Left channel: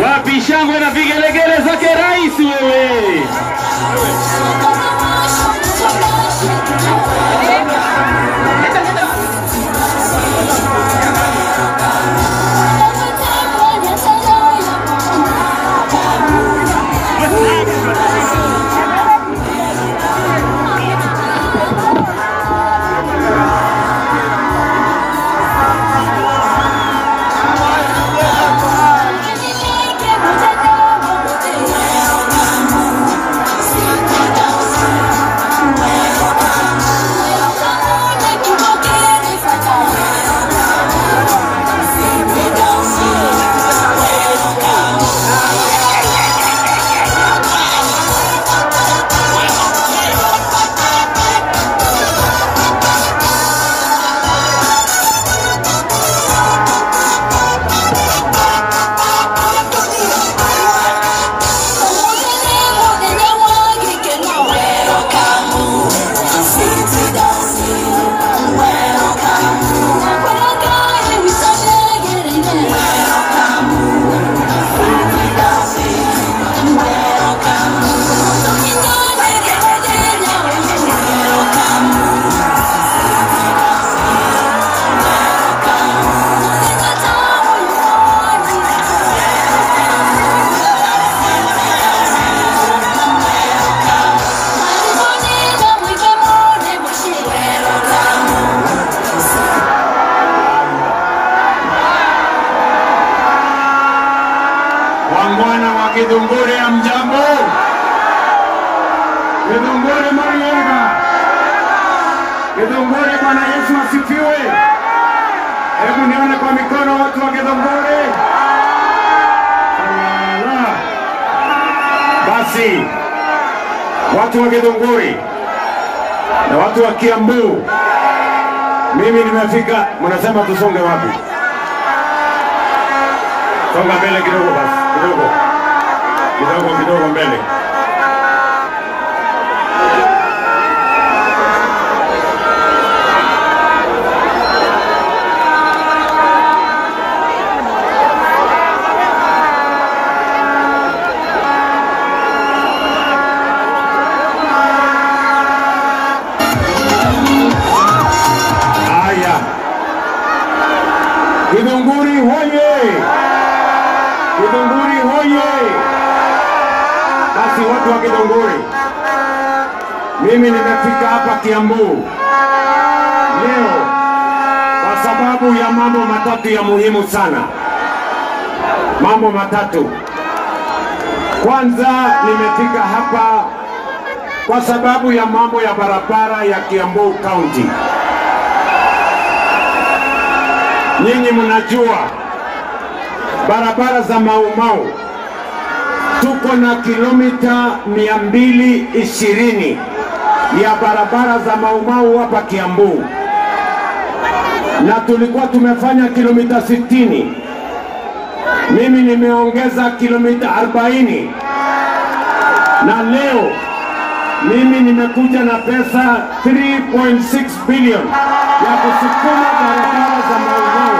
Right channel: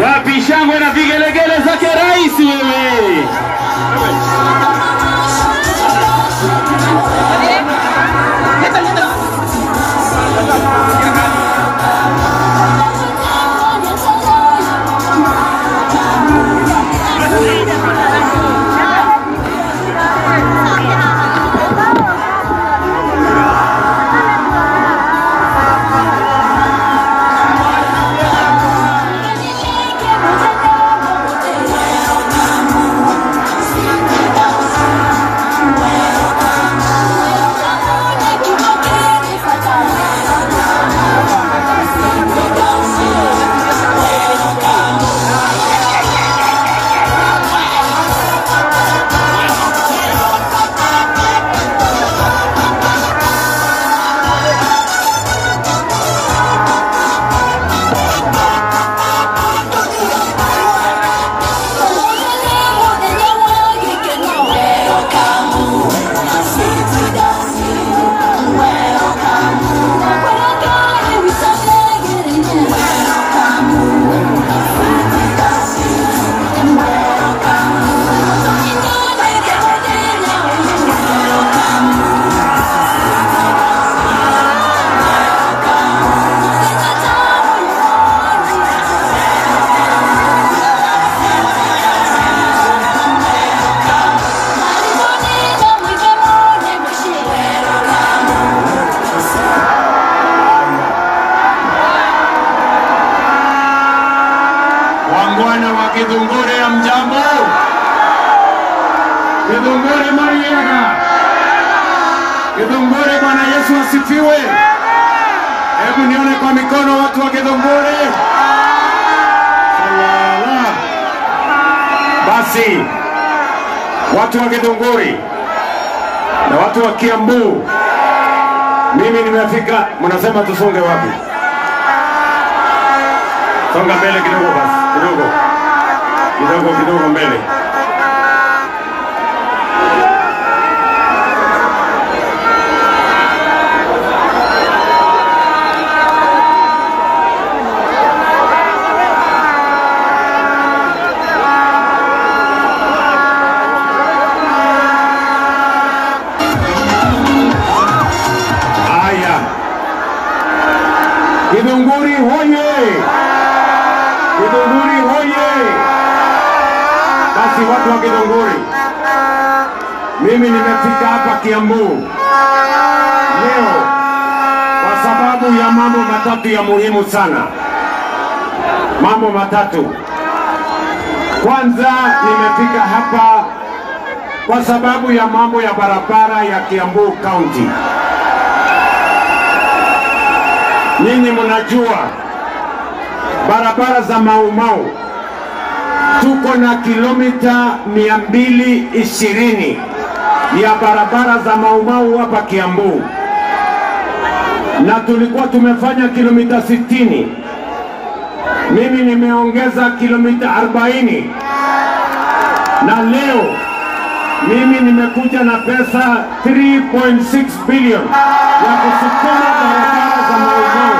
Wapi shangwe na vigelegele zake rais wewe. Githunguri ya mjambo. Githunguri Mariega. Githunguri Bwana Yesu asifiwe. Hebu nione kwa mikono watu wa Githunguri. Basi watu wa Githunguri na watu wa Kiambu, mimi nimefika. Mnasema tusonge wapi? Songa mbele kidogo basi, kidogo. Kidogo mbele. Haya. Githunguri hoye! Githunguri hoye! Basi watu wa Githunguri, mimi nimefika hapa Kiambu leo kwa sababu ya mambo matatu ya muhimu sana. Mambo matatu. Kwanza, nimefika hapa kwa sababu ya mambo ya barabara ya Kiambu County. Nyinyi mnajua barabara za Mau Mau tuko na kilomita 220 ya barabara za Mau Mau hapa Kiambu, na tulikuwa tumefanya kilomita 60. Mimi nimeongeza kilomita 40, na leo mimi nimekuja na pesa 3.6 bilioni ya kusukuma barabara za Mau Mau.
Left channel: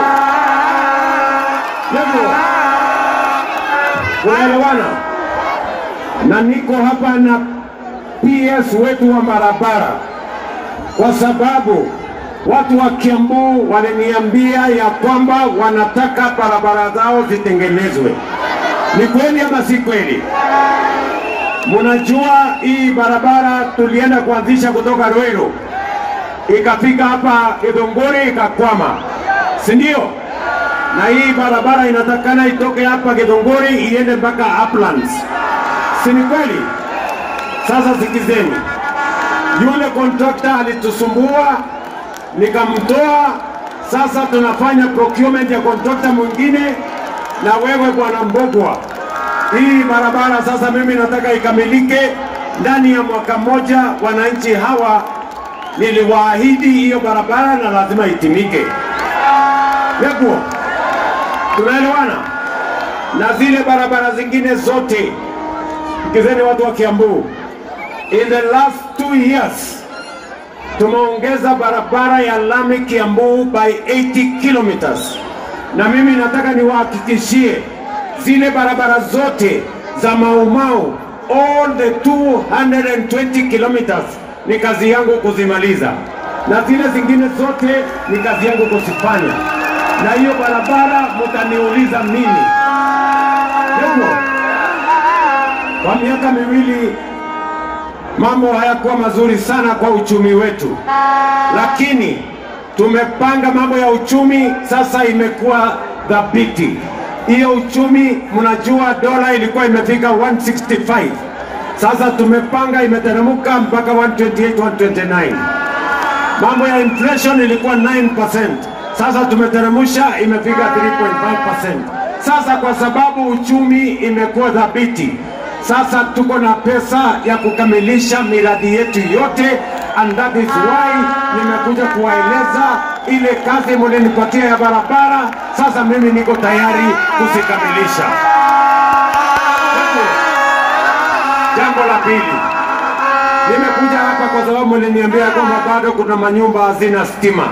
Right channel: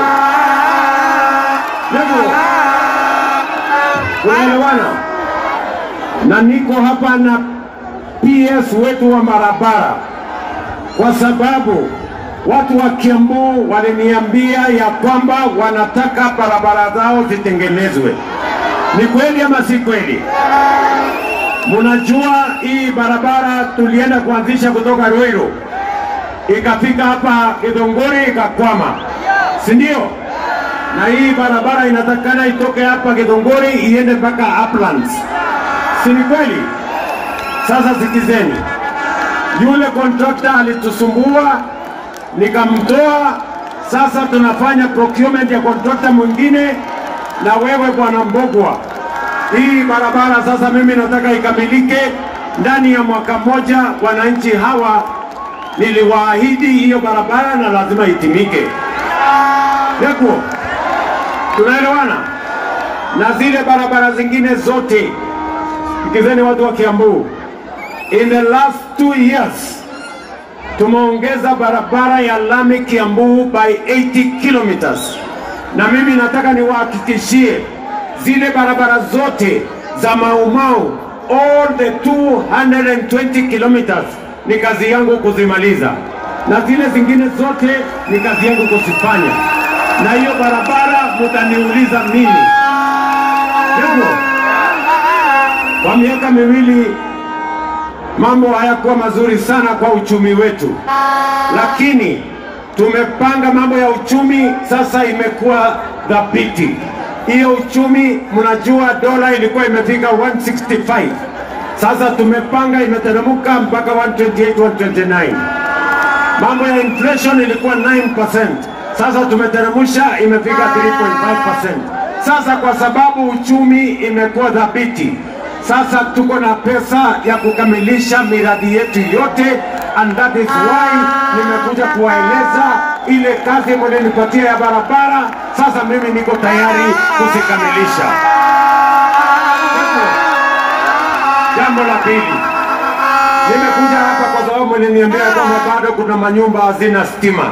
Ndio unaelewana? Na niko hapa na PS wetu wa barabara kwa sababu watu wa Kiambu waliniambia ya kwamba wanataka barabara zao zitengenezwe. Ni kweli ama si kweli? Mnajua hii barabara tulienda kuanzisha kutoka Ruiru ikafika hapa Githunguri ikakwama, si ndio? Na hii barabara inatakana itoke hapa Githunguri iende mpaka Uplands. Si ni kweli? Sasa sikizeni. Yule contractor alitusumbua, nikamtoa. Sasa tunafanya procurement ya contractor mwingine, na wewe Bwana Mbogwa, hii barabara sasa mimi nataka ikamilike ndani ya mwaka mmoja. Wananchi hawa niliwaahidi hiyo barabara na lazima itimike. Yako tunaelewana? Na zile barabara zingine zote, sikizeni watu wa Kiambu, in the last 2 years tumeongeza barabara ya lami Kiambu by 80 kilometers. Na mimi nataka niwahakikishie zile barabara zote za Mau Mau, all the 220 kilometers ni kazi yangu kuzimaliza, na zile zingine zote ni kazi yangu kuzifanya. Na hiyo barabara mtaniuliza mimi. Ndio. Kwa miaka miwili mambo hayakuwa mazuri sana kwa uchumi wetu, lakini tumepanga mambo ya uchumi sasa imekuwa dhabiti. Hiyo uchumi, mnajua dola ilikuwa imefika 165, sasa tumepanga imeteremka mpaka 128, 129. Mambo ya inflation ilikuwa 9%, sasa tumeteremsha imefika 3.5%. Sasa kwa sababu uchumi imekuwa dhabiti, sasa tuko na pesa ya kukamilisha miradi yetu yote, and that is why nimekuja kuwaeleza ile kazi mlinipatia ya barabara, sasa mimi niko tayari kuzikamilisha. Jambo la pili, nimekuja hapa kwa sababu mliniambia kwamba bado kuna manyumba hazina stima,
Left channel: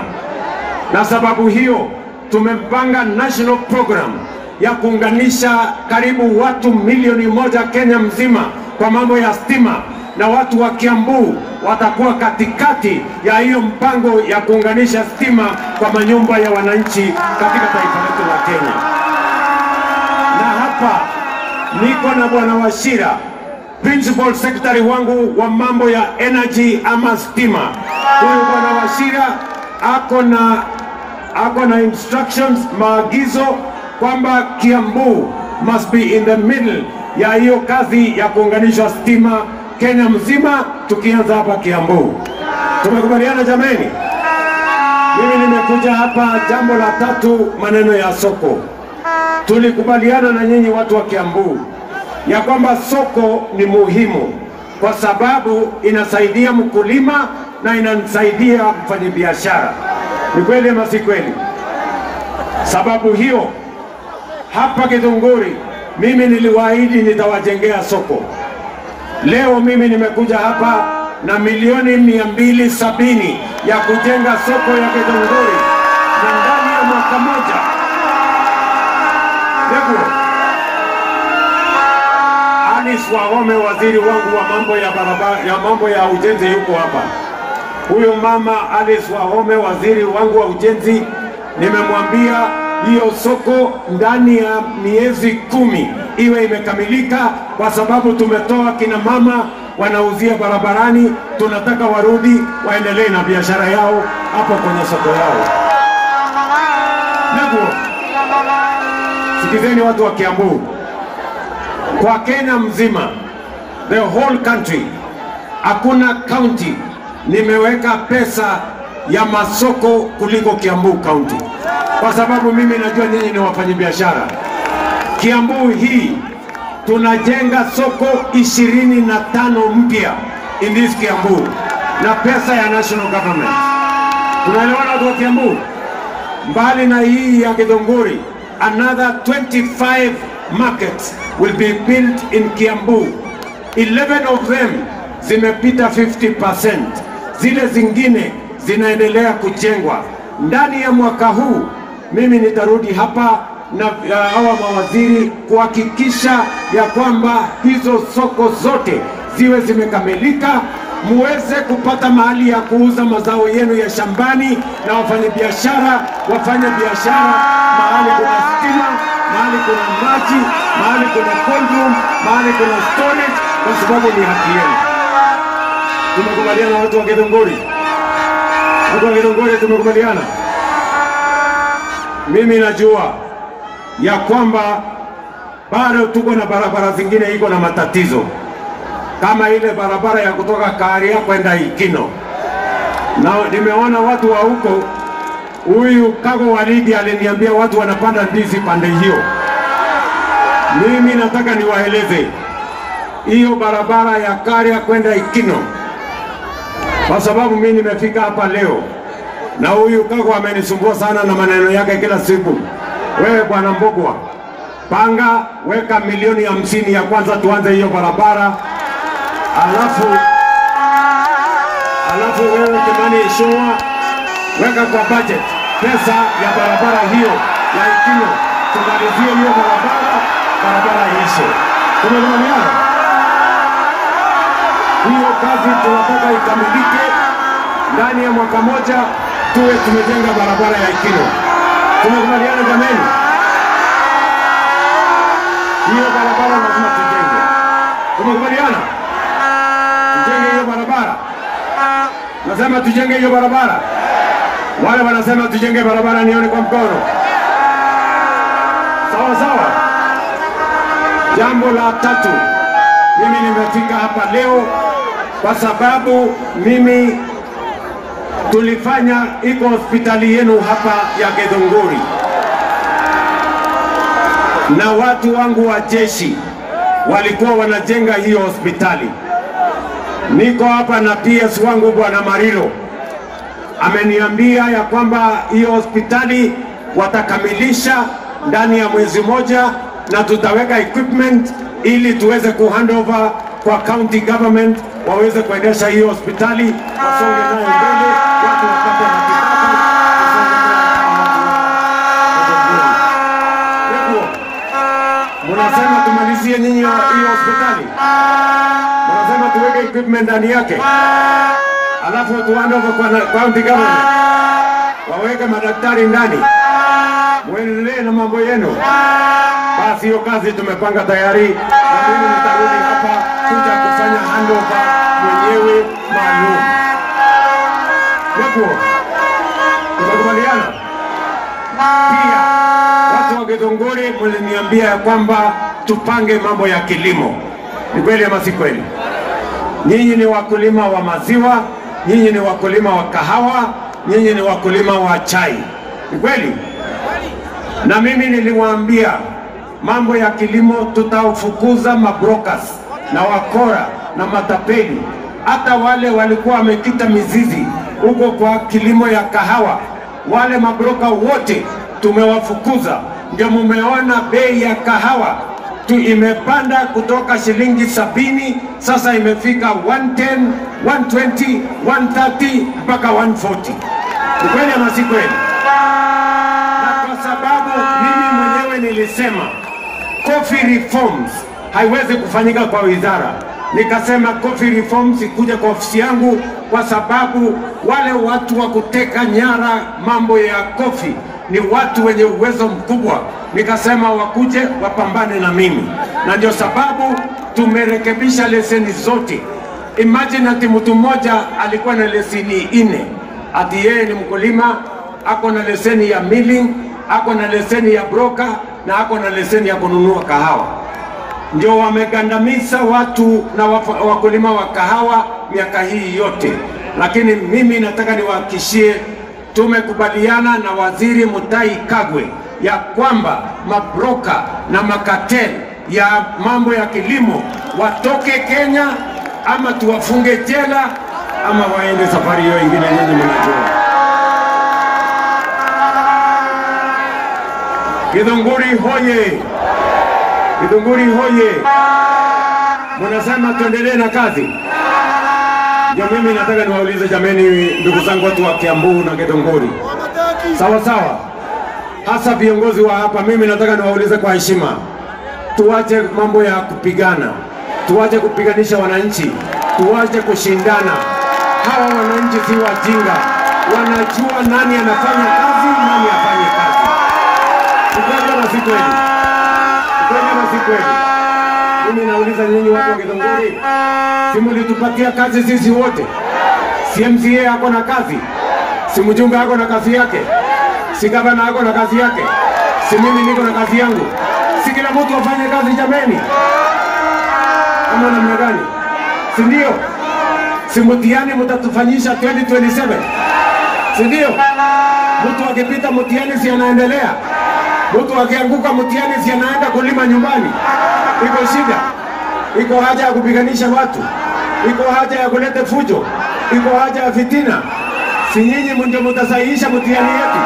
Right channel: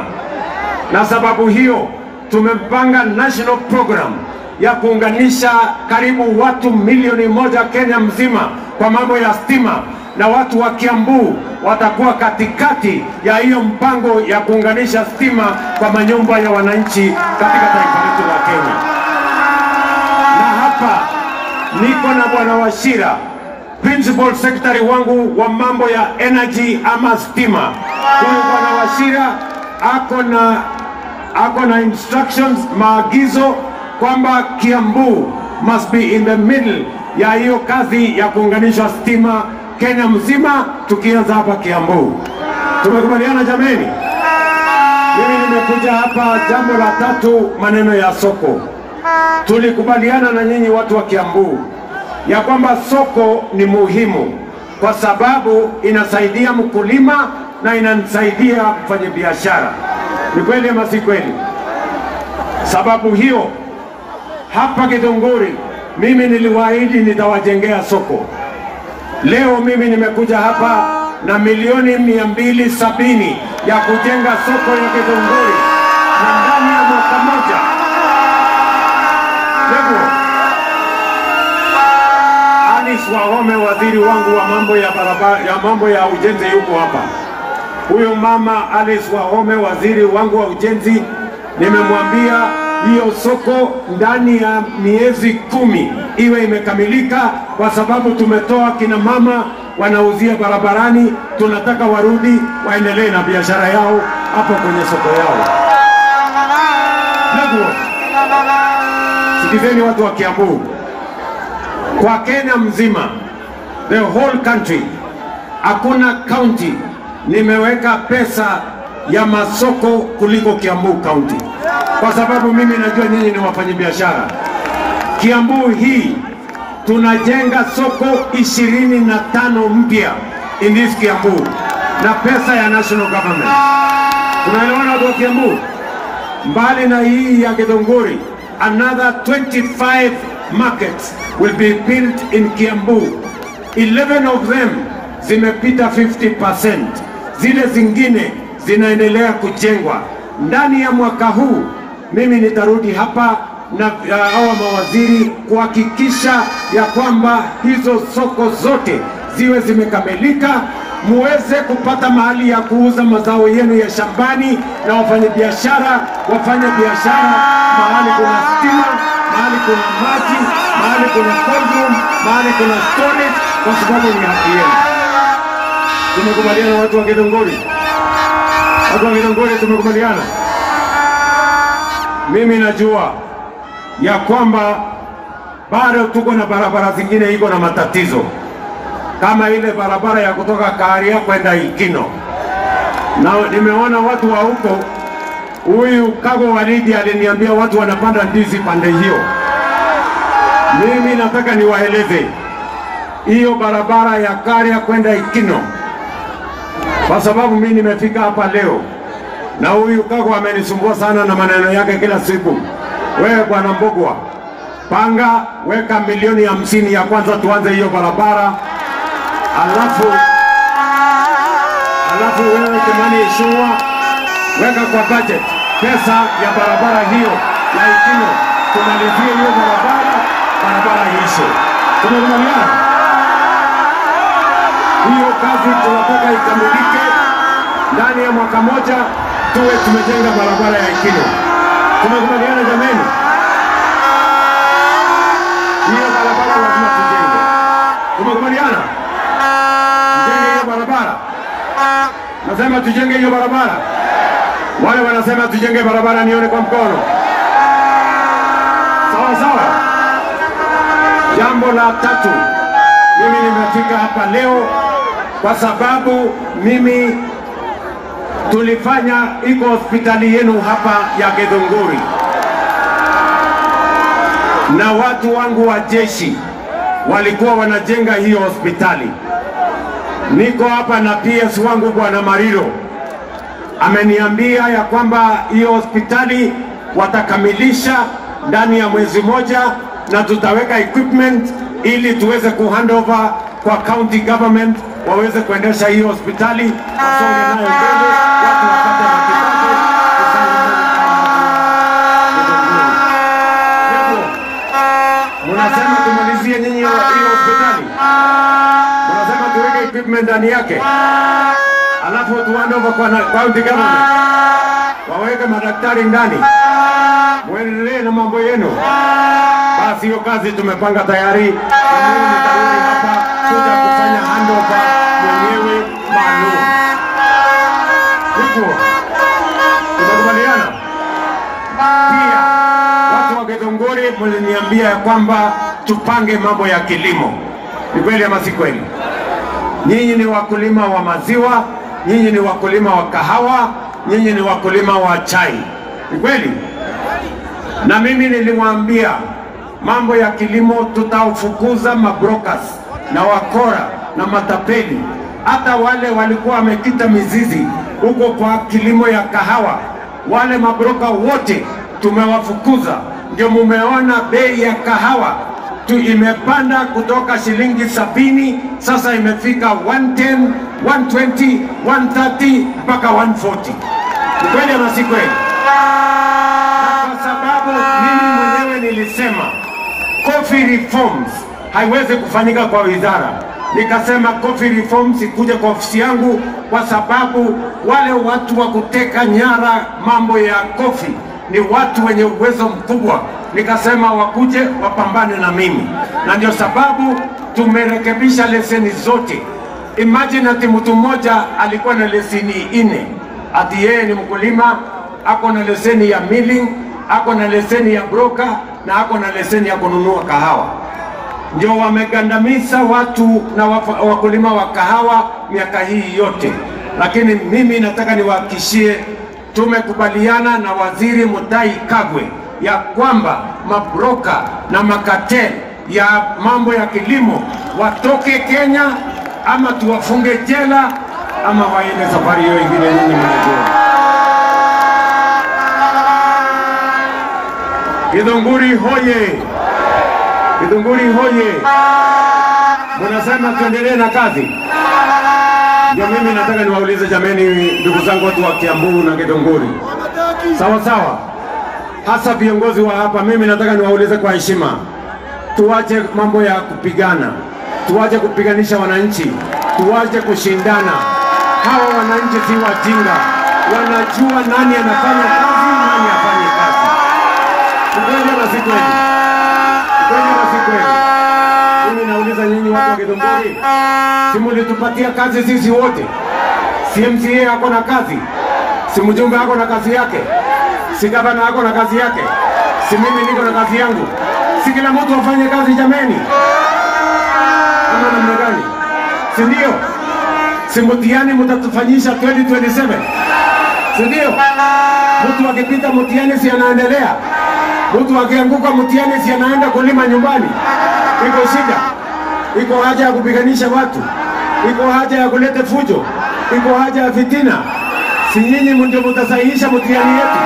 na sababu hiyo tumepanga national program ya kuunganisha karibu watu milioni 1 Kenya mzima kwa mambo ya stima, na watu wa Kiambu watakuwa katikati ya hiyo mpango ya kuunganisha stima kwa manyumba ya wananchi katika taifa letu la Kenya. Na hapa niko na Bwana Wachira, principal secretary wangu wa mambo ya energy ama stima. Kwa hiyo Bwana Wachira ako na instructions, maagizo kwamba Kiambu must be in the middle ya hiyo kazi ya kuunganisha stima Kenya mzima, tukianza hapa Kiambu. Tumekubaliana jameni? Mimi nimekuja hapa, jambo la tatu, maneno ya soko. Tulikubaliana na nyinyi watu wa Kiambu ya kwamba soko ni muhimu kwa sababu inasaidia mkulima na inasaidia mfanyabiashara. Ni kweli ama si kweli? Sababu hiyo hapa Githunguri mimi niliwaahidi nitawajengea soko. Leo mimi nimekuja hapa na milioni 270 ya kujenga soko ya Githunguri, na ndani ya mwaka moja. Leo Alice Wahome, waziri wangu wa mambo ya barabara ya mambo ya ujenzi, yuko hapa. Huyo mama Alice Wahome, waziri wangu wa ujenzi, nimemwambia hiyo soko ndani ya miezi 10 iwe imekamilika, kwa sababu tumetoa kina mama wanauzia barabarani, tunataka warudi waendelee na biashara yao hapo kwenye soko yao. Ndugu, sikizeni watu wa Kiambu, kwa Kenya mzima, the whole country, hakuna county nimeweka pesa ya masoko kuliko Kiambu county, kwa sababu mimi najua nyinyi ni wafanyabiashara. Kiambu hii tunajenga soko 25 mpya in this Kiambu na pesa ya national government. Tunaelewana watu wa Kiambu? Mbali na hii ya Githunguri, another 25 markets will be built in Kiambu. 11 of them zimepita 50%. Zile zingine zinaendelea kujengwa. Ndani ya mwaka huu mimi nitarudi hapa na hawa mawaziri kuhakikisha ya kwamba hizo soko zote ziwe zimekamilika, muweze kupata mahali ya kuuza mazao yenu ya shambani, na wafanyabiashara wafanya biashara mahali kuna stima, mahali kuna maji, mahali kuna cold, mahali kuna storage, kwa sababu ni haki yenu. Tumekubaliana watu wa Githunguri? Watu wa Githunguri tumekubaliana? Mimi najua ya kwamba bado tuko na barabara zingine iko na matatizo, kama ile barabara ya kutoka Karia kwenda Ikino. Na nimeona watu wa huko, huyu Kago Waridi aliniambia watu wanapanda ndizi pande hiyo. Mimi nataka niwaeleze hiyo barabara ya Karia kwenda Ikino, kwa sababu mimi nimefika hapa leo na huyu Kago amenisumbua sana na maneno yake kila siku. Wewe bwana Mbogwa, panga weka milioni 50 ya kwanza tuanze hiyo barabara, alafu wewe Kimani Ichung'wa weka kwa budget pesa ya barabara hiyo ya Ikino, tumalizie hiyo barabara barabara iishe. Tumekubaliana? Hiyo kazi tunataka ikamilike ndani ya mwaka moja, tuwe tumejenga barabara ya Ikino. Tumekubaliana jameni? Hiyo barabara lazima tujenge. Tumekubaliana? Tujenge hiyo barabara. Nasema tujenge hiyo barabara. Wale wanasema tujenge barabara nione kwa mkono. Sawa sawa. Jambo la tatu, mimi nimefika hapa leo kwa sababu mimi tulifanya iko hospitali yenu hapa ya Githunguri na watu wangu wa jeshi walikuwa wanajenga hiyo hospitali. Niko hapa na PS wangu Bwana Mariro ameniambia ya kwamba hiyo hospitali watakamilisha ndani ya mwezi moja na tutaweka equipment ili tuweze kuhandover kwa county government waweze kuendesha hiyo hospitali, wasonge nayo mbele, watu wapate matibabu. Munasema tumalizie nyinyi hiyo hospitali, munasema tuweke equipment ndani yake, alafu watu handover kwa county government waweke madaktari ndani, muendelee na mambo yenu. Basi hiyo kazi tumepanga tayari, na mimi nitarudi hapa kuja kufanya handover mwenyewe maalum. Hivyo tumekubaliana. Pia watu wa Githunguri mliniambia kwamba tupange mambo ya kilimo. Ni kweli ama si kweli? Nyinyi ni wakulima wa maziwa, nyinyi ni wakulima wa kahawa, nyinyi ni wakulima wa chai. Ni kweli? Na mimi nilimwambia mambo ya kilimo tutaufukuza mabrokers na wakora na matapeli. Hata wale walikuwa wamekita mizizi huko kwa kilimo ya kahawa, wale mabroka wote tumewafukuza. Ndio mumeona bei ya kahawa imepanda kutoka shilingi 70 sasa imefika 110, 120, 130 mpaka 140. Ni kweli ama si kweli? Na kwa sababu mimi mwenyewe nilisema coffee reforms haiwezi kufanyika kwa wizara, nikasema coffee reforms ikuje kwa ofisi yangu, kwa sababu wale watu wa kuteka nyara mambo ya coffee ni watu wenye uwezo mkubwa. Nikasema wakuje wapambane na mimi, na ndio sababu tumerekebisha leseni zote. Imagine ati mtu mmoja alikuwa na leseni 4, ati yeye ni mkulima, ako na leseni ya milling, ako na leseni ya broker na ako na leseni ya kununua kahawa. Ndio wamegandamiza watu na wakulima wa kahawa miaka hii yote. Lakini mimi nataka niwahakikishie, tumekubaliana na Waziri Mutahi Kagwe ya kwamba mabroka na makateli ya mambo ya kilimo watoke Kenya, ama tuwafunge jela ama waende safari hiyo ingine. Nyinyi mnajua. Githunguri hoye! Githunguri hoye! Munasema tuendelee na kazi. Ndio mimi nataka niwaulize jameni, ndugu zangu watu wa Kiambu na Githunguri. Sawa sawa. Hasa viongozi wa hapa, mimi nataka niwaulize kwa heshima. Tuache mambo ya kupigana. Tuache kupiganisha wananchi. Tuache kushindana. Hawa wananchi si wajinga. Wanajua nani anafanya kazi, nani afanye kazi. Tukweli na si kweli. Tukweli na si kweli. Mimi nauliza nyinyi watu wa Githunguri, si mlitupatia kazi sisi wote? Si MCA ako na kazi? Si mjumbe ako na kazi yake? Si gavana ako na kazi yake? Si mimi niko na kazi yangu? Si kila mtu afanye kazi jameni? Ama namna gani? Si ndio? Si mtihani mtatufanyisha 2027? Si ndio? Mtu akipita mtihani si anaendelea? Mtu akianguka mtihani si anaenda kulima nyumbani? Iko shida? Iko haja ya kupiganisha watu? Iko haja ya kuleta fujo? Iko haja ya fitina? Si nyinyi ndio mtasahihisha mtihani yetu?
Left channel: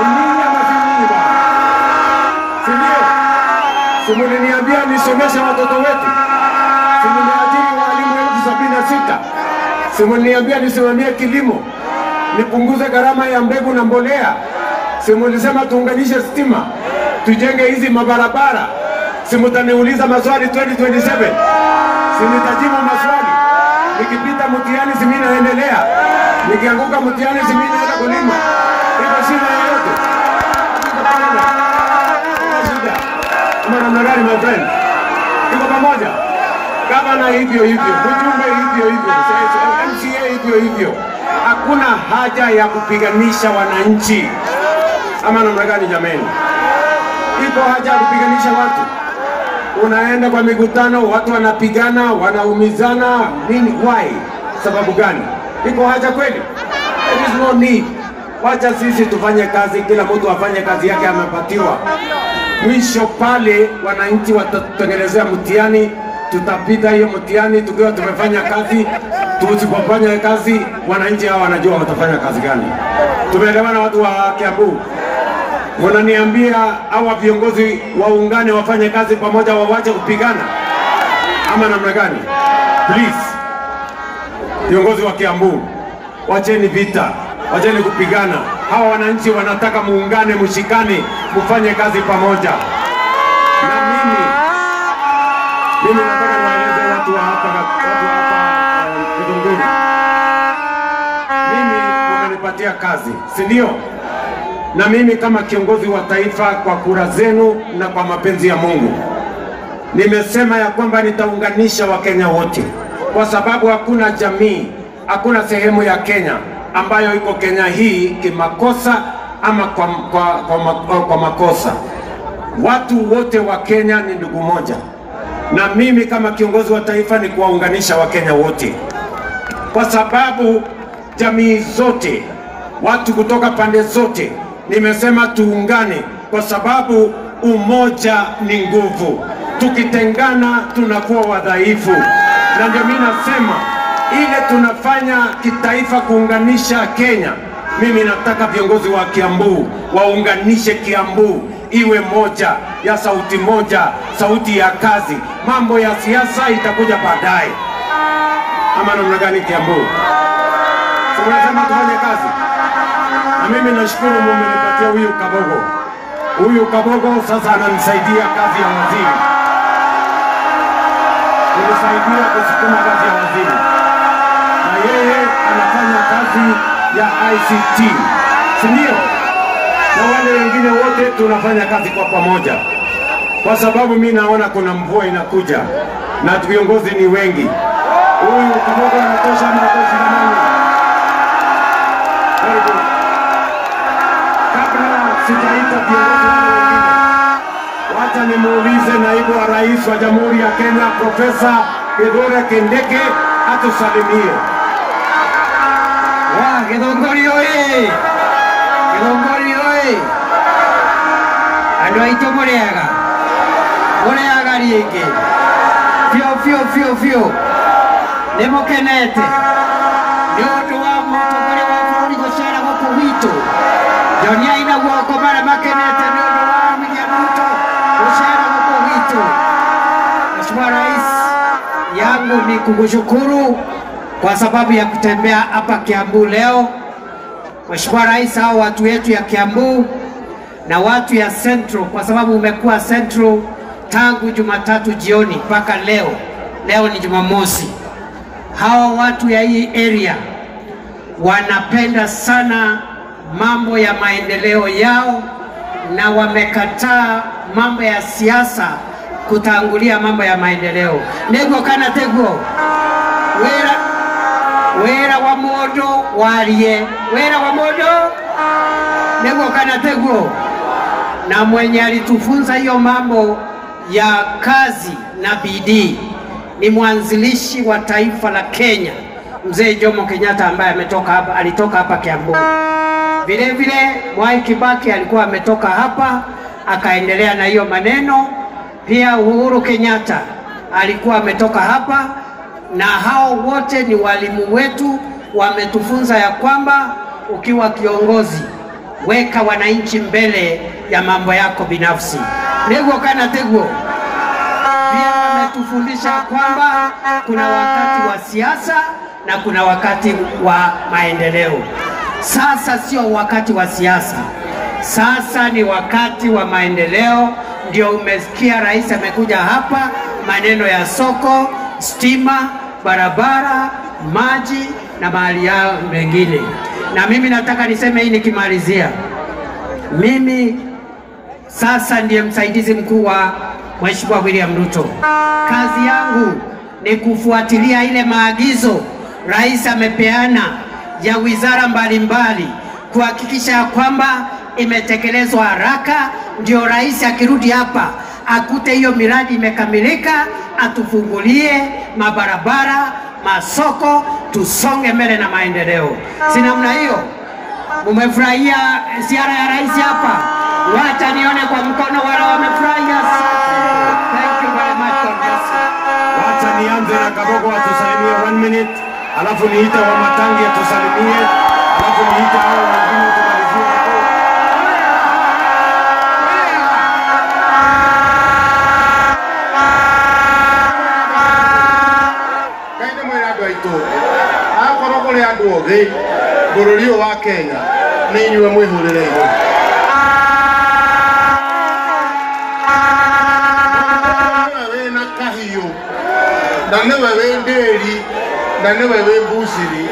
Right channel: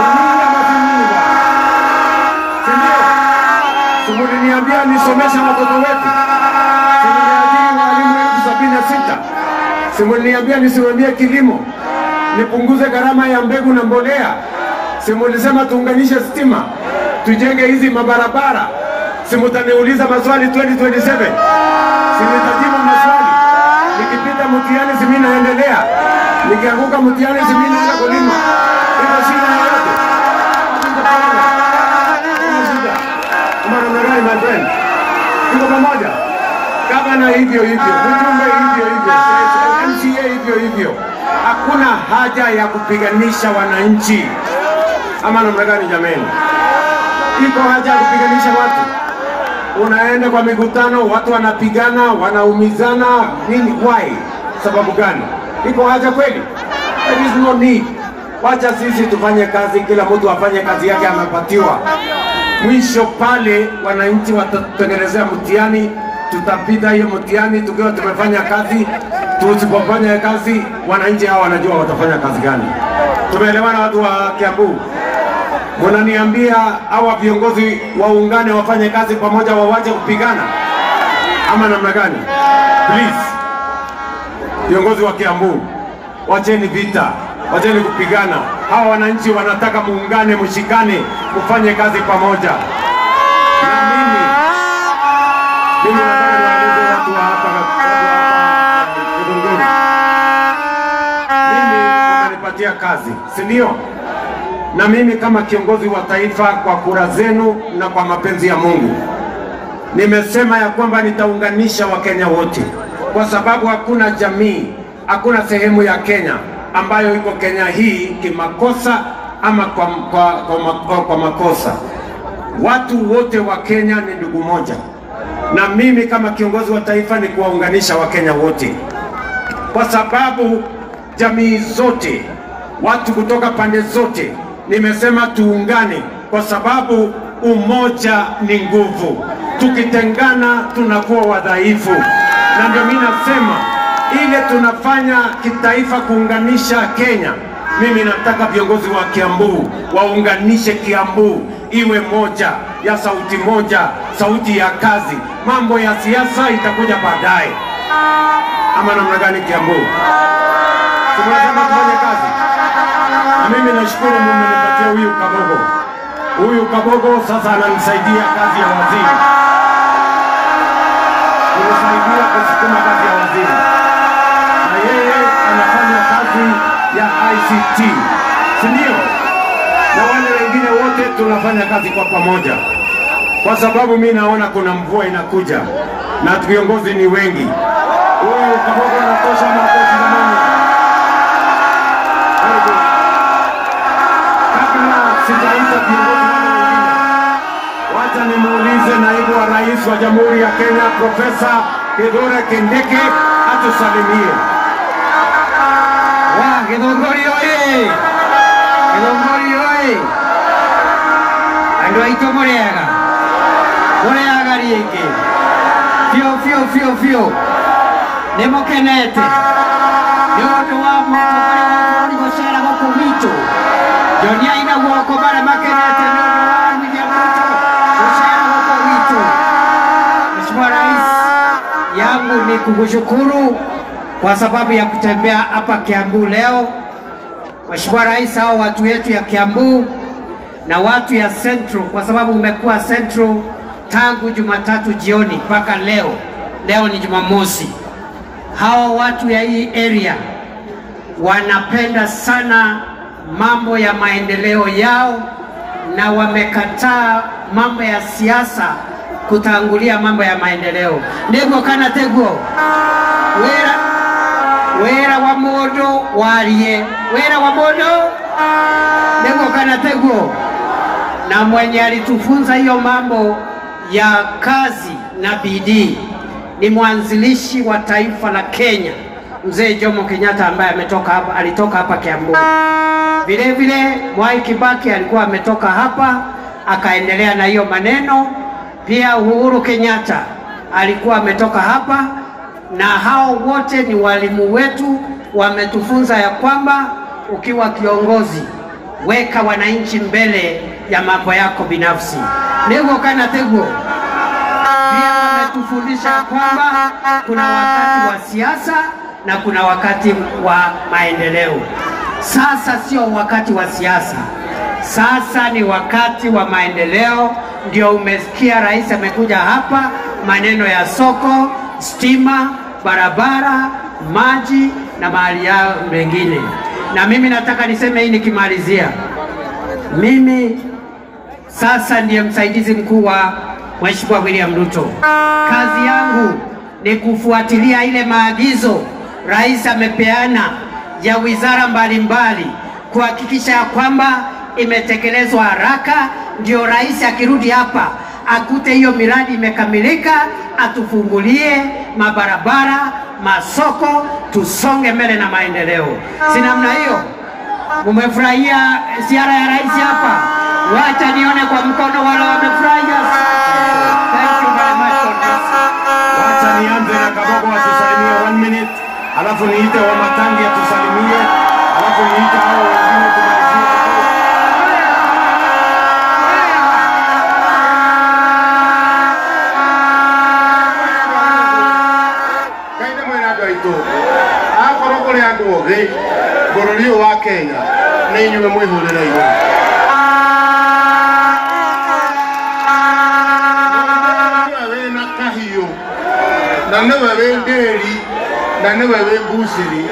Ni nyinyi ama si nyinyi bwana? Si ndio? Si mliniambia nisomeshe watoto wetu? Si mliniajiri walimu 76? Si mliniambia nisimamie kilimo? Nipunguze gharama ya mbegu na mbolea? Si mlisema tuunganishe stima? Tujenge hizi mabarabara? Si mtaniuliza maswali 2027? Si nitajibu maswali? Nikipita mtihani si mimi naendelea? Nikianguka mtihani si mimi naenda kulima? Iko shida yoyote? Mwanamagari my friend. Tuko pamoja. Gavana hivyo hivyo, mjumbe hivyo hivyo, MCA hivyo hivyo. Hakuna haja ya kupiganisha wananchi. Ama namna gani jameni? Iko haja ya kupiganisha watu. Unaenda kwa mikutano, watu wanapigana, wanaumizana, nini? Why? Sababu gani? Iko haja kweli? There is no need. Wacha sisi tufanye kazi, kila mtu afanye kazi yake amepatiwa. Mwisho pale wananchi watatengenezea mtihani, tutapita hiyo mtihani tukiwa tumefanya kazi. Tusipofanya kazi, wananchi hao wanajua watafanya kazi gani. Tumeelewana watu wa Kiambu? Wananiambia hawa viongozi waungane wafanye kazi pamoja, wawache kupigana ama namna gani? Please, viongozi wa Kiambu, wacheni vita, wacheni kupigana. Hawa wananchi wanataka muungane, mshikane, mfanye kazi pamoja. Na mimi nataka nieleze watu wa hapa Githunguri. Mimi wamenipatia kazi, si ndio? Na mimi kama kiongozi wa taifa, kwa kura zenu na kwa mapenzi ya Mungu, nimesema ya kwamba nitaunganisha Wakenya wote, kwa sababu hakuna jamii, hakuna sehemu ya Kenya ambayo iko Kenya hii kimakosa ama kwa makosa. Watu wote wa Kenya ni ndugu moja, na mimi kama kiongozi wa taifa ni kuwaunganisha Wakenya wote, kwa sababu jamii zote, watu kutoka pande zote, nimesema tuungane, kwa sababu umoja ni nguvu. Tukitengana tunakuwa wadhaifu. Na ndio mimi nasema ile tunafanya kitaifa kuunganisha Kenya. Mimi nataka viongozi wa Kiambu waunganishe Kiambu iwe moja, ya sauti moja, sauti ya kazi. Mambo ya siasa itakuja baadaye. Ama namna gani Kiambu? Tunasema tufanye kazi. Na mimi nashukuru Mungu amenipatia huyu Kabogo. Huyu Kabogo sasa ananisaidia kazi ya waziri. Anasaidia kusukuma kazi ya waziri. Na yeye anafanya kazi ya ICT. Si ndio? Na wale wengine wote tunafanya kazi kwa pamoja. Kwa sababu mimi naona kuna mvua inakuja na viongozi ni wengi. Huyu Kabogo anatosha makofi jamani. Sijaita viongozi wengine. Wacha nimuulize naibu wa rais wa Jamhuri ya Kenya Profesa Kithure Kindiki atusalimie. Githunguri oye! Githunguri oye! Andũ aitũ mũrĩega? Mũrĩega rĩngĩ? Biũ. Nĩ mũkenete? Nĩ ũndũ wa mũtongoria wa bũrũri gũcera gũkũ gwitũ. Joniai na guoko marĩa makenete nĩ ũndũ wa William Ruto gũcera gũkũ gwitũ. Mheshimiwa Rais, yangu ni kukushukuru kwa sababu ya kutembea hapa Kiambu leo. Mheshimiwa Rais, hao watu wetu ya Kiambu na watu ya Central, kwa sababu umekuwa Central tangu Jumatatu jioni mpaka leo. Leo ni Jumamosi. Hao watu ya hii area wanapenda sana mambo ya maendeleo yao na wamekataa mambo ya siasa kutangulia mambo ya maendeleo. Nego kana tego wera wa modo warie, wera wa modo nego kana tego. Na mwenye alitufunza hiyo mambo ya kazi na bidii ni mwanzilishi wa taifa la Kenya, Mzee Jomo Kenyatta, ambaye alitoka hapa Kiambu. Vile vile Mwai Kibaki alikuwa ametoka hapa akaendelea na hiyo maneno. Pia Uhuru Kenyatta alikuwa ametoka hapa, na hao wote ni walimu wetu, wametufunza ya kwamba ukiwa kiongozi weka wananchi mbele ya mambo yako binafsi. Nego kana tego. Pia wametufundisha kwamba kuna wakati wa siasa na kuna wakati wa maendeleo. Sasa sio wakati wa siasa. Sasa ni wakati wa maendeleo, ndio umesikia rais amekuja hapa, maneno ya soko, stima, barabara, maji na mahali yao mengine. Na mimi nataka niseme hii nikimalizia, mimi sasa ndiye msaidizi mkuu wa Mheshimiwa William Ruto. Kazi yangu ni kufuatilia ile maagizo rais amepeana ya wizara mbalimbali, kuhakikisha kwamba imetekelezwa haraka, ndio rais akirudi hapa akute hiyo miradi imekamilika, atufungulie mabarabara, masoko, tusonge mbele na maendeleo. Si namna hiyo? Umefurahia ziara ya rais hapa? Wacha nione kwa mkono wale wamefurahia. Thank you very much. Wacha nianze na Kadogo atusalimie 1 minute, alafu niite wa Matangi atusalimie, alafu niite hao wengine tumalizie. Kaine mwera gaitu. Akoro kule andu othe, bururi wa Kenya, ni inyuĩ mwĩhũrĩre-inĩ. Wĩna kahiũ, na nĩwe wĩ ndĩri, na nĩwe wĩ mbucĩri,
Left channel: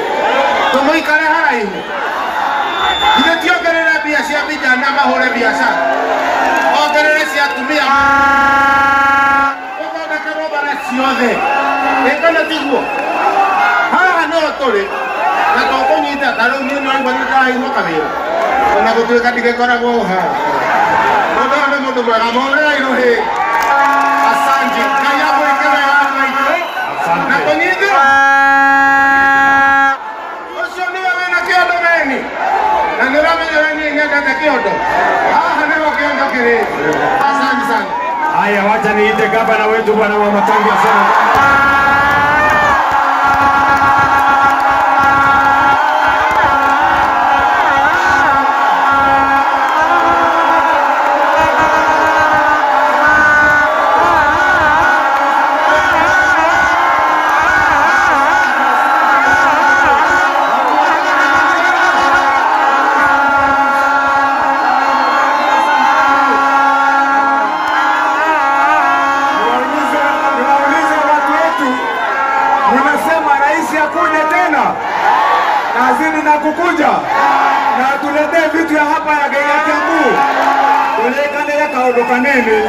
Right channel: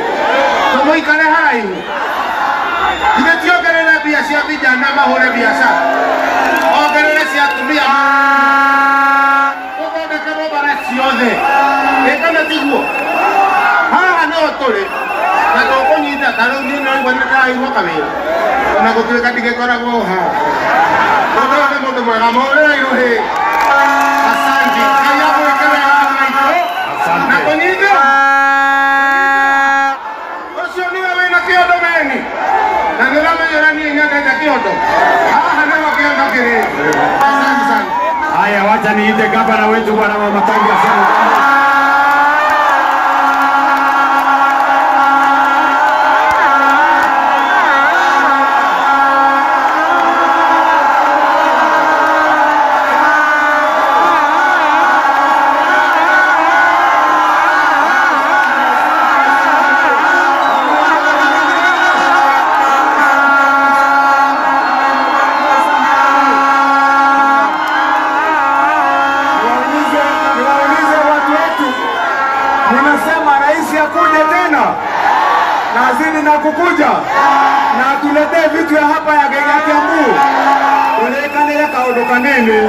tũmũikare haraihu. Githĩ ti ongerere mbia cia vijana mahũre biacara, ongerere cia atumia, ũthondeke robara ciothe. Ĩkana tiguo, haha nĩho tũrĩ, na tũkũnyita tarĩu niĩ no igua nĩndĩraigua kawĩra, ona gũtuĩka ndigĩkoragwo haha. Ũndũ ũyũ nĩ mũndũ mwega, mũhũrĩre-irũ hĩ. Asante, Ngai agwĩke wega maitũ, na kũnyita. Ũcio nĩwe wĩna kĩondo wene, na nĩũramenyera niĩ nyendete kĩondo. Haha nĩho kĩondo kĩrĩ. Asante sana. Haya, wacha niite gavana wetu bwana wa Matangi sana. Ninasema rais akuje tena, na azini na kukuja, na atuletee vitu ya hapa ya Kiambu. Ulekane kaondokaneni,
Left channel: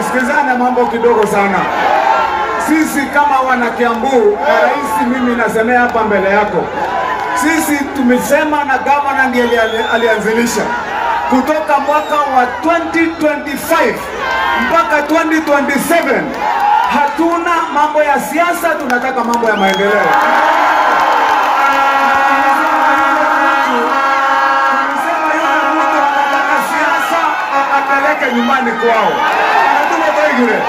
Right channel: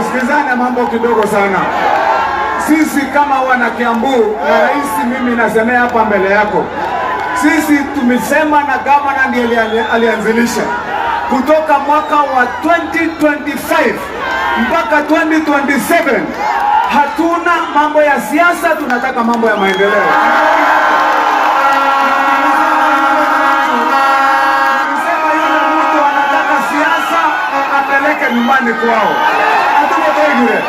usikizane mambo kidogo sana. Sisi kama wana Kiambu, na rais mimi nasemea hapa mbele yako, sisi tumesema na gavana ndiye alianzilisha kutoka mwaka wa 2025 mpaka 2027. Hatuna mambo ya siasa, tunataka mambo ya maendeleo. Tunasema yule mtu anataka siasa apeleke nyumbani kwao. Hatuna tegure.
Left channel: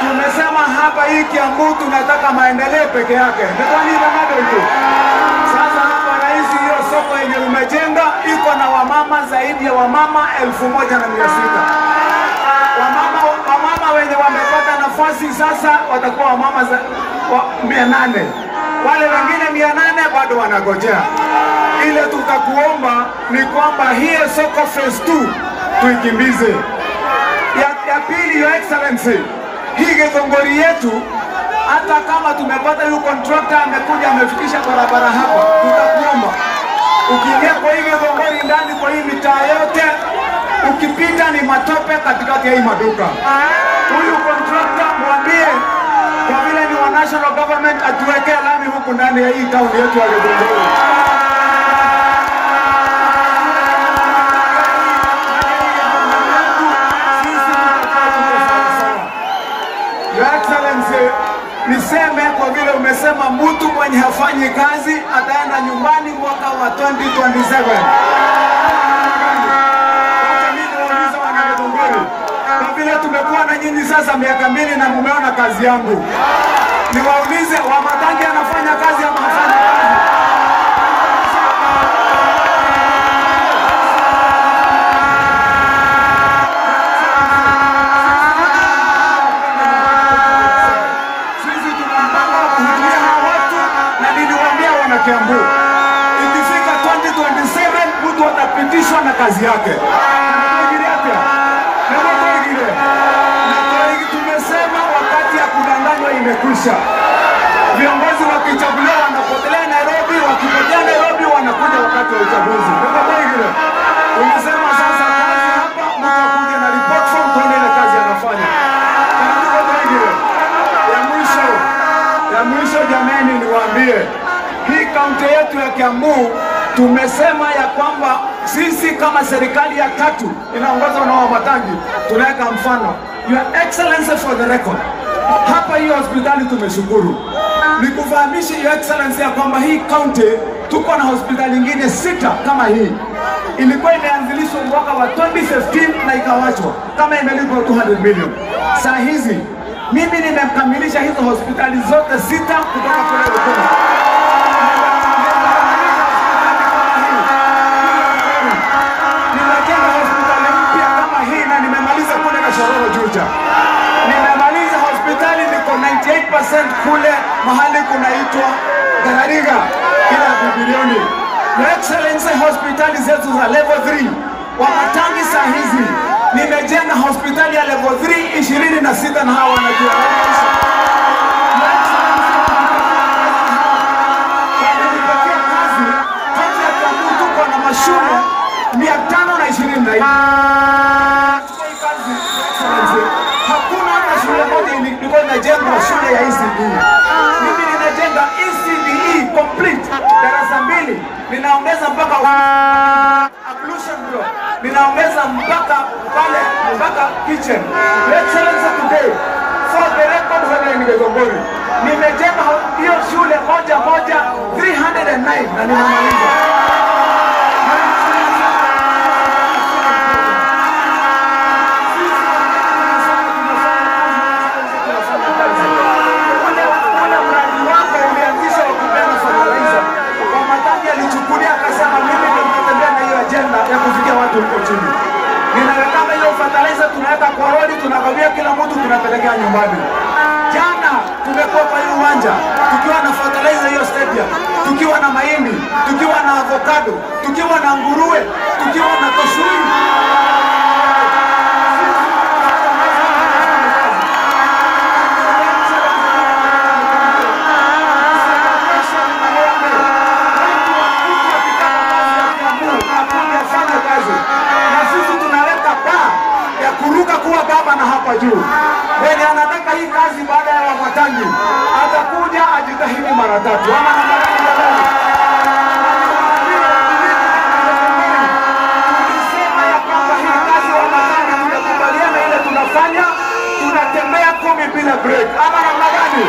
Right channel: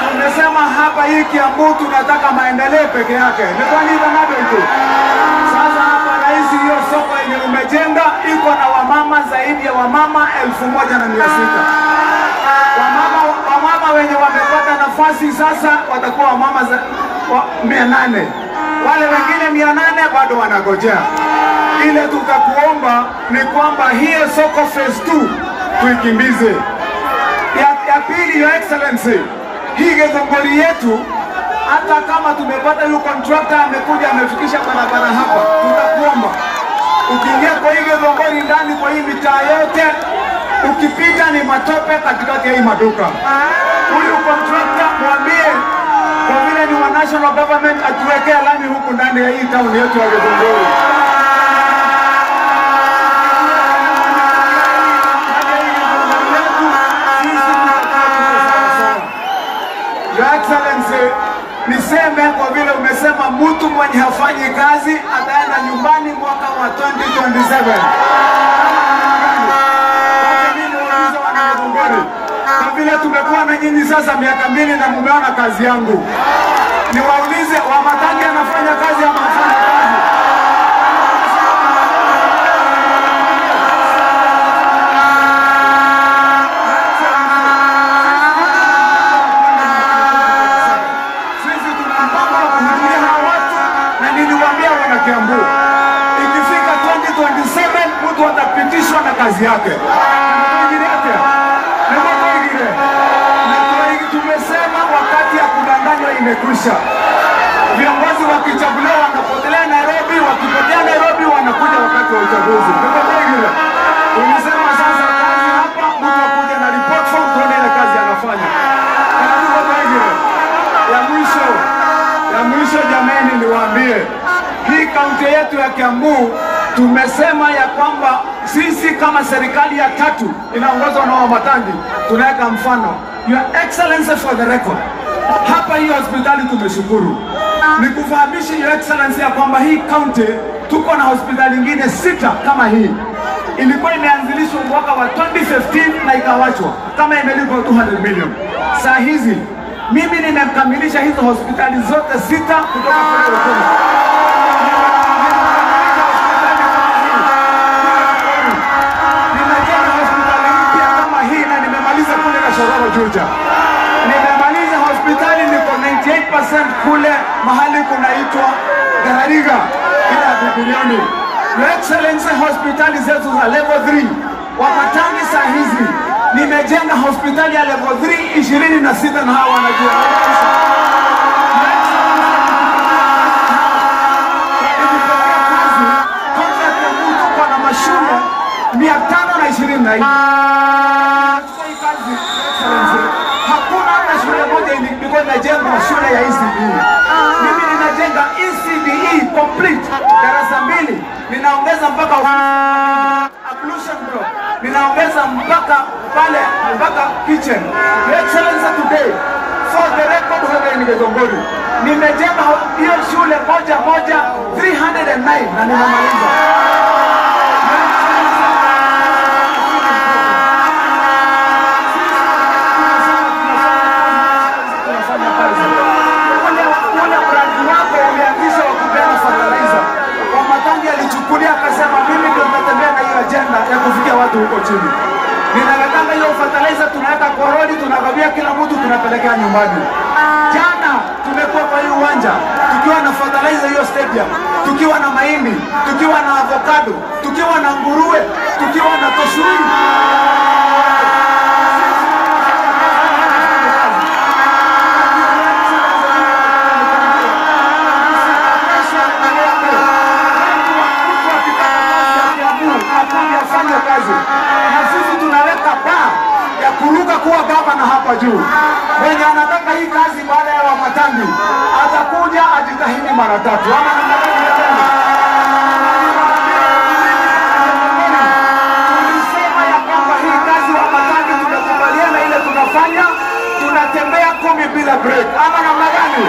Tumesema hapa hii Kiambu tunataka maendeleo peke yake. Ndio nini mambo iko. Sasa hapa rais, hiyo soko yenye umejenga iko na wamama zaidi ya wamama 1600. Wamama wenye wamepata nafasi sasa watakuwa wamama 800. Wale wengine 800 bado wanagojea. Ile tutakuomba ni kwamba hiyo soko phase 2 tuikimbize. Ya pili, Your Excellency, hii Githunguri yetu, hata kama tumepata hiyo contractor amekuja amefikisha barabara hapa, tutakuomba ukiingia kwa hii Githunguri ndani kwa hii mitaa yote, ukipita ni matope katikati ya hii maduka. Huyu contractor mwambie kwa vile ni wa national government atuwekee lami huku ndani ya hii town yetu ya Githunguri. Your Excellency, niseme kwa vile umesema mtu mwenye hafanyi kazi ataenda nyumbani mwaka wa 2027. Kwa vile tumekuwa na nyinyi sasa miaka 2 na mumeona kazi yangu, niwaulize wa Matangi anafanya kazi ama hafanyi kazi? Sisi tunapanga kuhudumia watu, na niliwaambia wana Kiambu, ikifika 2027 mtu atapitishwa na kazi yake. imekwisha. Viongozi wakichaguliwa wanapotelea Nairobi, wakipotea Nairobi wanakuja wakati wa uchaguzi. Unasema sasa kazi hapa, mtu akuja na report form tuone ile kazi anafanya. Ya mwisho jamani, niwaambie hii kaunti yetu ya Kiambu tumesema ya kwamba sisi kama serikali ya tatu inaongozwa na Wamatangi tunaweka mfano. Your Excellency, for the record, hapa hii hospitali tumeshukuru. Nikufahamishe Your Excellency ya kwamba hii kaunti tuko na hospitali nyingine 6 kama hii. Ilikuwa imeanzilishwa mwaka wa 2015 na ikawachwa kama imelipwa 200 million. Saa hizi mimi nimekamilisha hizo hospitali zote 6 kutoka kule Rukuni. Nimejenga hospitali mpya kama hii na nimemaliza kule Kashororo Juja. Nimemaliza hospitali niko 98% kule mahali kunaitwa Garariga kila bilioni. Your Excellency, hospitali zetu za level 3 Wamatangi saa hizi nimejenga hospitali ya level 3 26 na hawa wanajua. Tuko na mashule 520. Hakuna hata shule moja ilikuwa inajengwa shule ya ECD. Mimi ninajenga ECDE complete darasa 2, ninaongeza mpaka ablution bro, ninaongeza mpaka pale mpaka kitchen. Excellency, today for the record for Nigezongori nimejenga hiyo shule moja 309 na nimemaliza. Alichukulia akasema mimi ndio natembea na hiyo agenda ya kufikia watu huko chini. Ninaweka hiyo fertilizer, tunaweka kwa rodi, tunagawia kila mtu, tunapelekea nyumbani. Jana tumekuwa kwa uwanja tukiwa na fertilizer hiyo stadium, tukiwa na mahindi, tukiwa na avocado, tukiwa na nguruwe, tukiwa na kosuri. Kuwa gavana hapa juu. Mwenye anataka hii kazi baada ya Wamatangi atakuja ajitahidi mara 3. Tulisema ya kwamba hii kazi ya Wamatangi tumekubaliana ile tunafanya, tunatembea 10 bila break. Ama namna gani?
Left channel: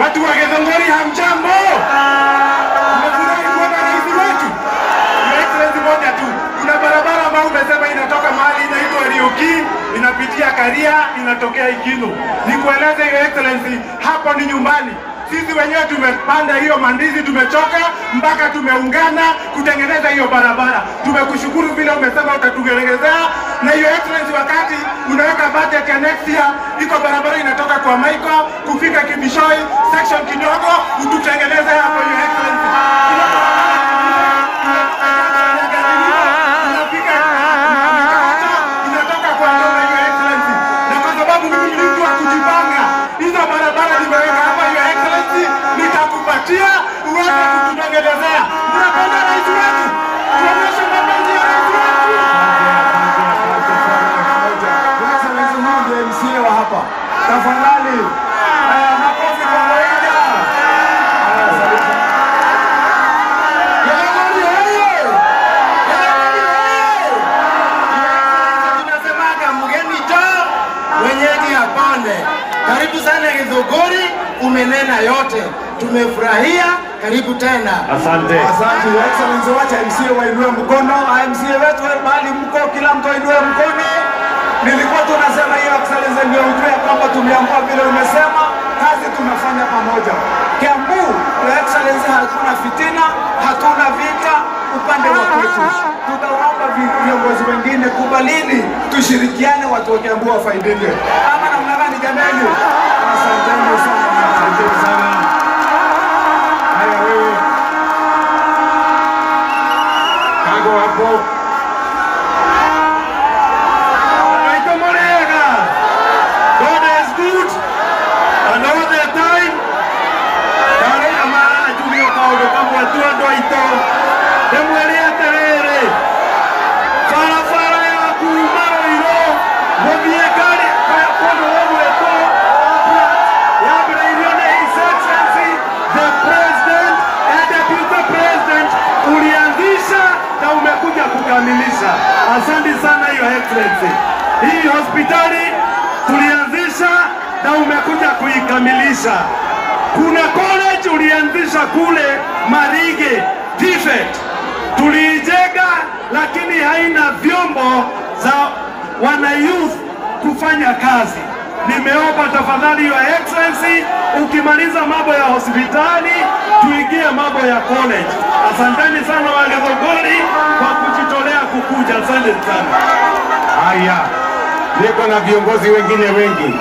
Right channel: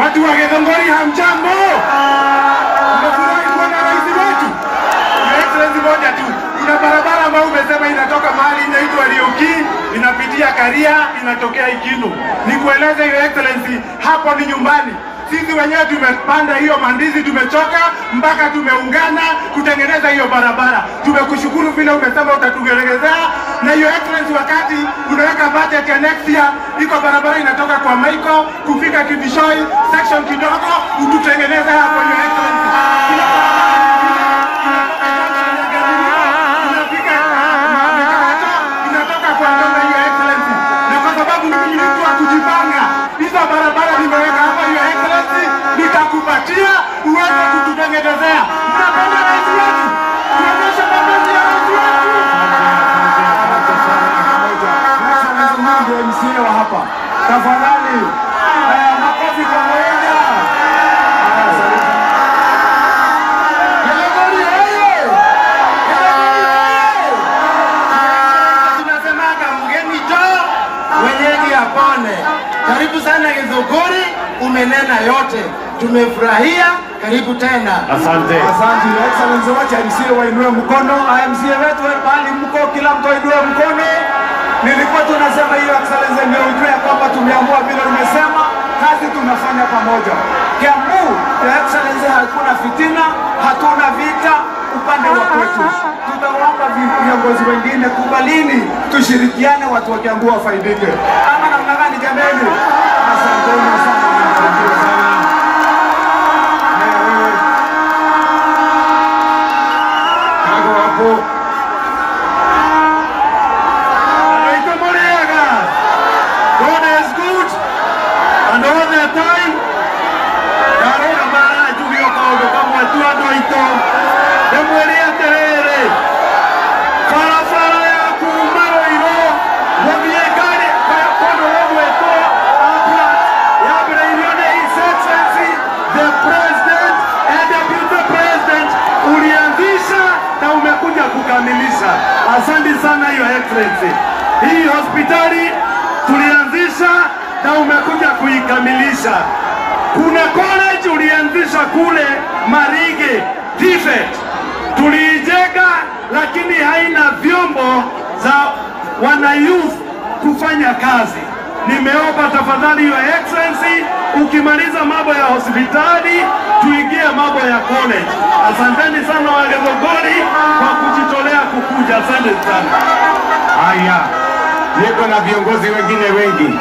Watu wa Githunguri hamjambo. Nimefurahi kuona rais wetu. Your Excellency, moja tu. Kuna barabara ambayo umesema inatoka mahali inaitwa Riuki, inapitia Karia, inatokea Ikinu. Nikueleze Your Excellency, hapo ni nyumbani. Sisi wenyewe tumepanda hiyo mandizi, tumechoka mpaka tumeungana kutengeneza hiyo barabara. Tumekushukuru vile umesema utatugelegezea. Na Your Excellency, wakati unaweka budget ya next year, iko barabara inatoka kwa Michael kufika Kibishoi section kidogo, ututengeneze hapo Your Excellency. Inatoka kwa Your Excellency. Na kwa sababu mimi ni mtu wa kujipanga, hizo barabara nimeweka hapa Your Excellency, nitakupatia uweze kututengenezea. Mnapenda rais wetu. Tuonyeshe mapenzi ya rais wetu. Excellency, Mungu MCA wa hapa. Tafadhali. Makofi kwa moja. tuelewane. Karibu sana Githunguri, umenena yote, tumefurahia. Karibu tena. Asante. Asante Your Excellency, wacha MCA wainue mkono. MCA wetu bali mko, kila mtu ainue mkono. Nilikuwa tunasema Your Excellency ndio ujue kwamba tumeamua vile umesema, kazi tunafanya pamoja. Kiambu, Your Excellency, hakuna fitina, hatuna vita upande wa kwetu. Tutaomba viongozi wengine kubalini, tushirikiane, watu wa Kiambu wafaidike. Ama namna gani jamani? Asanteni sana. Asante sana. God is good, and all the time. Darora mara juvio kaudo kama tua doito. Demuelia terere. Fara fara ya kumaro iro. Mobiekare kwa robo eto. Ya breirione His Excellency, the President and Deputy President, ulianzisha na umekuja kukamilisha. Asante sana Your Excellency. Hii hospitali tulianzisha na umekuja kuikamilisha. Kuna college ulianzisha kule Marige, Tifet. Tuliijenga lakini haina vyombo za wana youth kufanya kazi. Nimeomba tafadhali Your Excellency, ukimaliza mambo ya hospitali tuingie mambo ya college. Asanteni sana wa Githunguri kwa kujitolea kukuja. Asante sana. Haya. Niko na viongozi wengine wengi.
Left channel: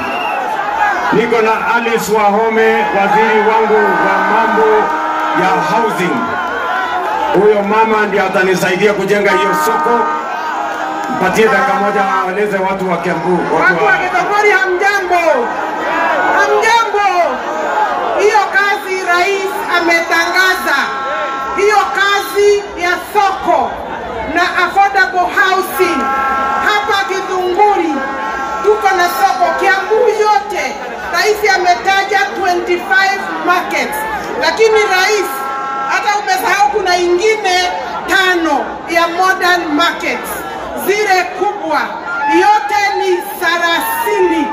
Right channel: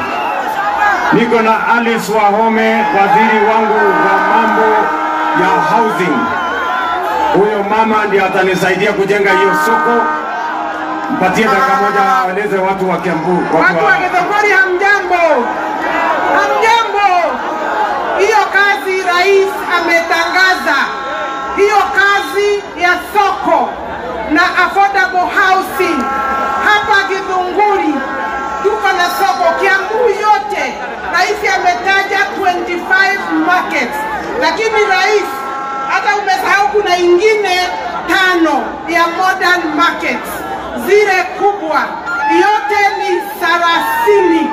Niko na Alice Wahome, waziri wangu wa mambo ya housing. Huyo mama ndiye atanisaidia kujenga hiyo soko. Mpatie dakika moja waeleze watu wa Kiambu. Watu wa Githunguri hamjambo. Hamjambo. Hiyo kazi rais ametangaza. Hiyo kazi ya soko na affordable housing. Hapa Githunguri tuko na soko Kiambu yote. Rais ametaja 25 markets. Lakini rais hata umesahau kuna ingine 5 ya modern markets. Zile kubwa yote ni 30.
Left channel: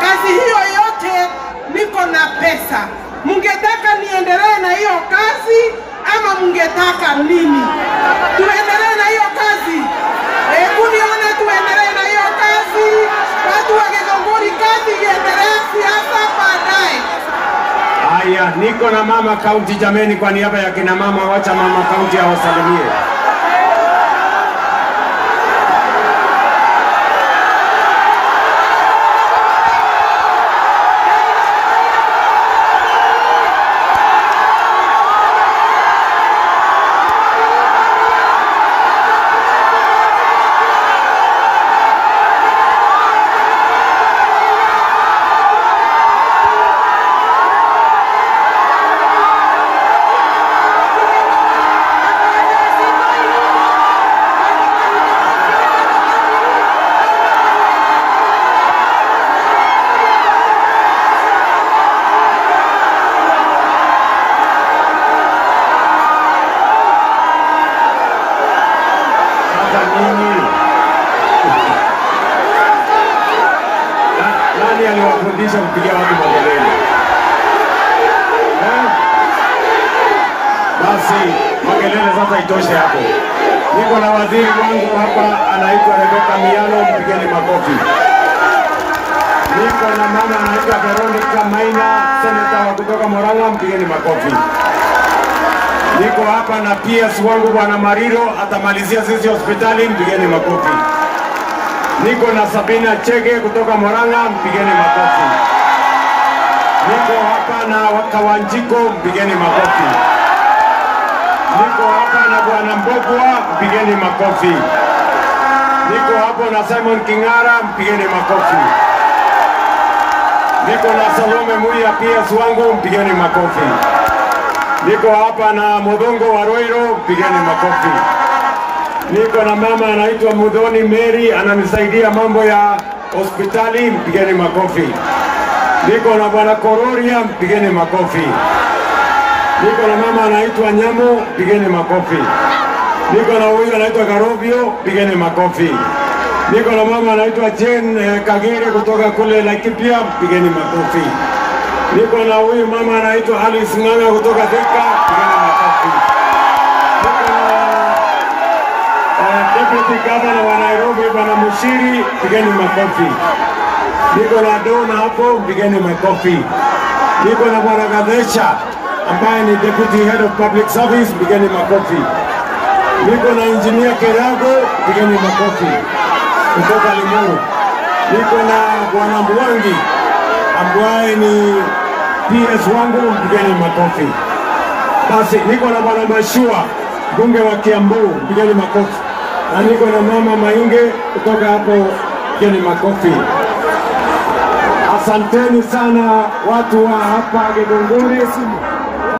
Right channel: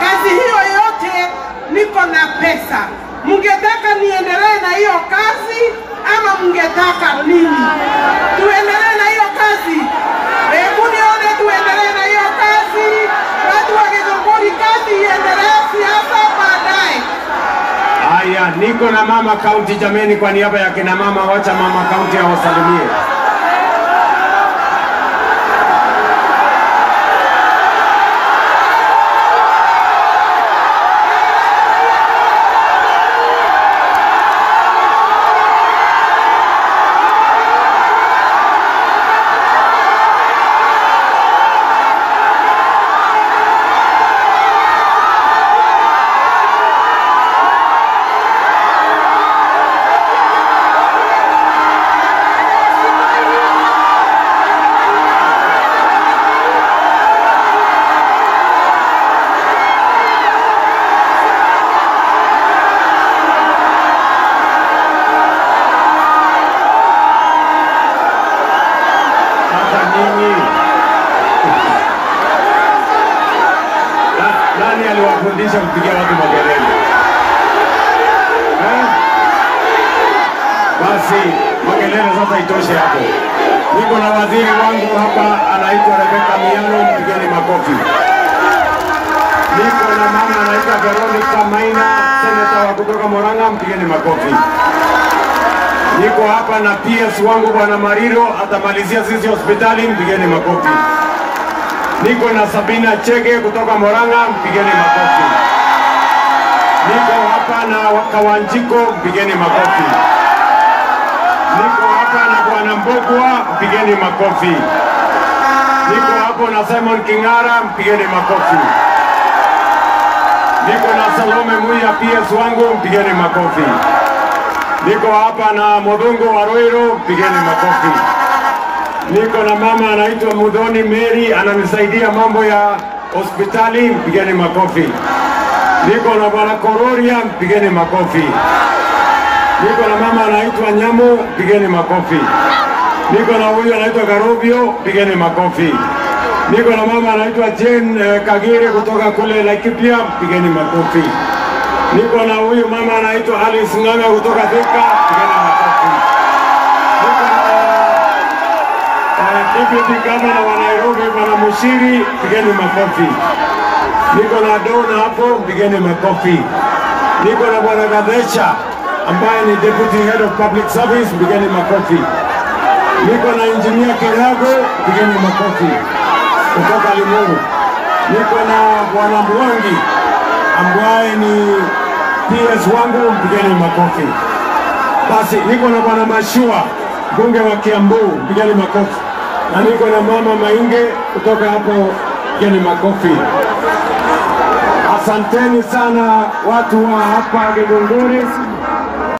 Kazi hiyo yote niko na pesa. Mungetaka niendelee na hiyo kazi ama mungetaka nini? Tuendelee na hiyo kazi. Hebu nione tuendelee na hiyo kazi. Watu wa Githunguri, kazi iendelee, siasa baadaye. Haya, niko na mama kaunti jameni, kwa niaba ya kina mama, wacha mama kaunti awasalimie. Nani aliwafundisha kupigia watu makelele? Basi makelele sasa itoshe hapo. Niko na waziri wangu hapa anaitwa Rebecca Miano, mpigeni makofi. Niko na mama anaitwa Veronica Maina, seneta kutoka Murang'a, mpigeni makofi. Niko hapa na PS wangu bwana Mariro, atamalizia sisi hospitali, mpigeni makofi. Niko na Sabina Chege kutoka Murang'a, mpigeni makofi. Niko hapa na Kawanjiko, mpigeni makofi. Niko hapa na bwana Mbogwa, mpigeni makofi. Niko hapa na Simon Kingara, mpigeni makofi. Niko na Salome Muya, PS wangu, mpigeni makofi. Niko hapa na Modongo Waroiro, mpigeni makofi. Niko na mama anaitwa Mudhoni Mary, ananisaidia mambo ya hospitali, mpigeni makofi. Niko na bwana Kororia, mpigeni makofi. Niko na mama anaitwa Nyamo, mpigeni makofi. Niko na huyu anaitwa Garobio, mpigeni makofi. Niko na mama anaitwa Jane Kagere kutoka kule Laikipia, pigeni makofi. Niko na huyu mama anaitwa Alice Ng'ang'a kutoka Thika, pigeni makofi. Deputy Governor wa Nairobi Bwana Mushiri, pigeni makofi. Niko na Dona hapo, pigeni makofi. Niko na Bwana Gadesha ambaye ni Deputy Head of Public Service, pigeni makofi. Niko na Engineer Kirago, pigeni makofi kutoka Limuru. Niko na Bwana Mwangi ambaye ni PS wangu, pigeni makofi. Basi niko na Bwana Mashua, bunge wa Kiambu, pigeni makofi. Na niko na Mama Mainge kutoka hapo, pigeni makofi. Asanteni sana watu wa hapa Githunguri.